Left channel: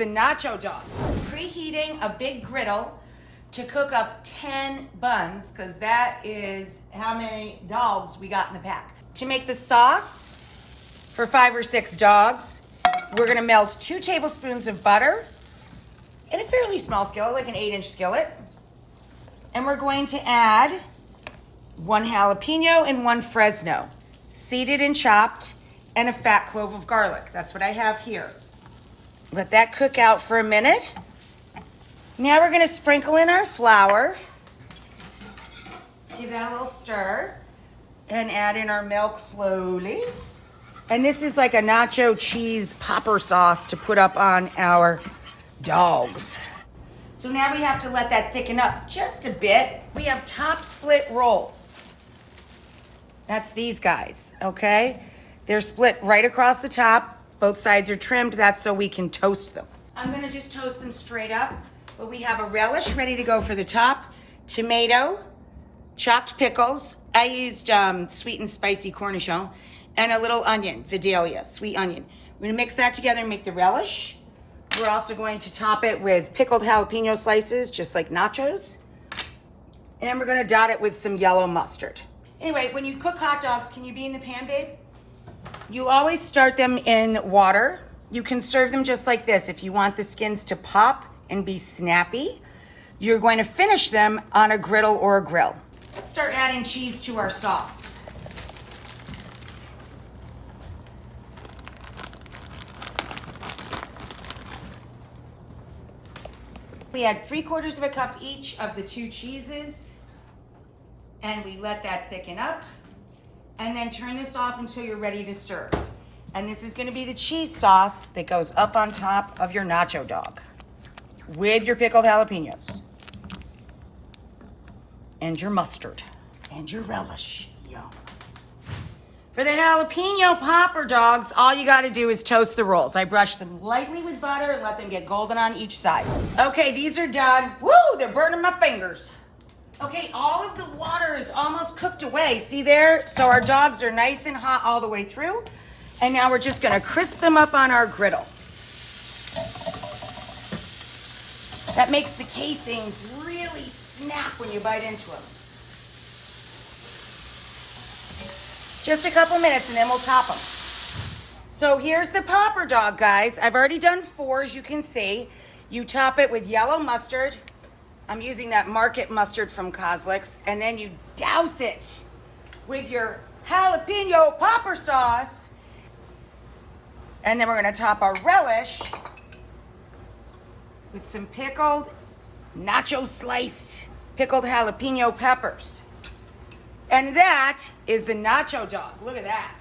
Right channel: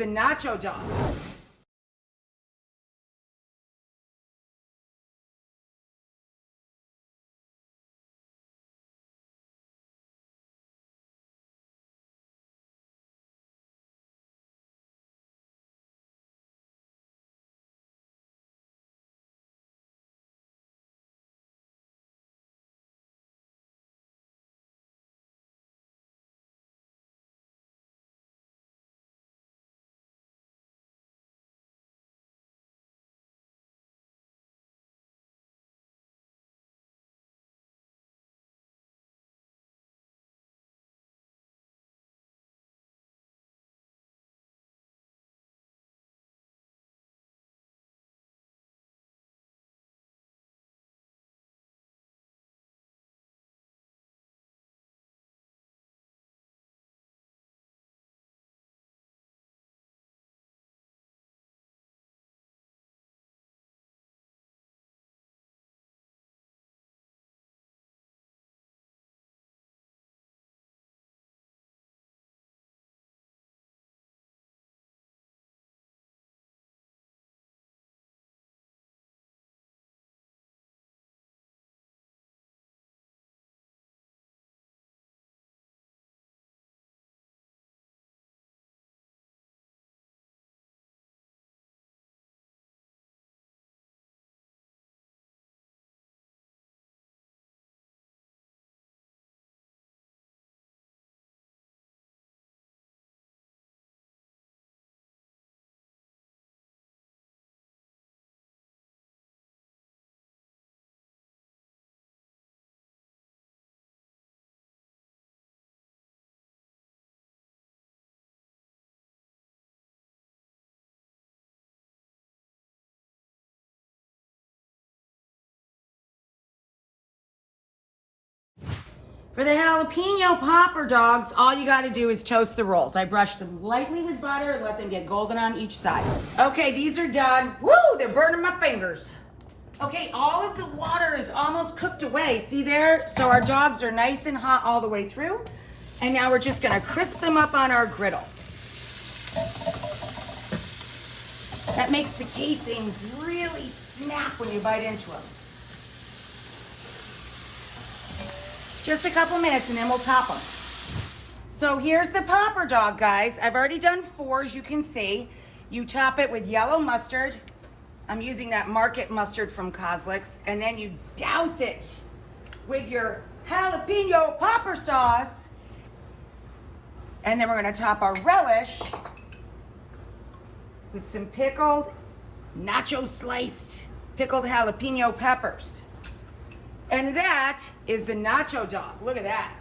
the Nacho dog. Preheating a big griddle to cook up 10 buns, because that is how many dogs we got in the pack. To make the sauce for 5 or 6 dogs, we're gonna melt 2 tablespoons of butter in a fairly small skillet, like an 8-inch skillet. And we're going to add 1 jalapeno and 1 Fresno, seeded and chopped, and a fat clove of garlic. That's what I have here. Let that cook out for a minute. Now we're gonna sprinkle in our flour, give that a little stir, and add in our milk slowly. And this is like a nacho cheese popper sauce to put up on our dogs. So now we have to let that thicken up just a bit. We have top split rolls. That's these guys, okay? They're split right across the top. Both sides are trimmed. That's so we can toast them. I'm gonna just toast them straight up. But we have a relish ready to go for the top, tomato, chopped pickles. I used sweet and spicy cornichon, and a little onion, Vidalia, sweet onion. We're gonna mix that together and make the relish. We're also going to top it with pickled jalapeno slices, just like nachos. And we're gonna dot it with some yellow mustard. Anyway, when you cook hot dogs, can you be in the pan, babe? You always start them in water. You can serve them just like this if you want the skins to pop and be snappy. You're going to finish them on a griddle or a grill. Let's start adding cheese to our sauce. We add 3/4 of a cup each of the 2 cheeses, and we let that thicken up, and then turn this off until you're ready to serve. And this is gonna be the cheese sauce that goes up on top of your nacho dog with your pickled jalapenos and your mustard and your relish. Yum. For the jalapeno popper dogs, all you gotta do is toast the rolls. I brush them lightly with butter, let them get golden on each side. Okay, these are done. Woo, they're burning my fingers. Okay, all of the water is almost cooked away. See there? So our dogs are nice and hot all the way through. And now we're just gonna crisp them up on our griddle. That makes the casings really snap when you bite into them. Just a couple minutes and then we'll top them. So here's the popper dog, guys. I've already done 4, as you can see. You top it with yellow mustard. I'm using that market mustard from Kozlik's. And then you douse it with your jalapeno popper sauce. And then we're gonna top our relish with some pickled, nacho sliced, pickled jalapeno peppers. And that is the nacho dog. Look at that.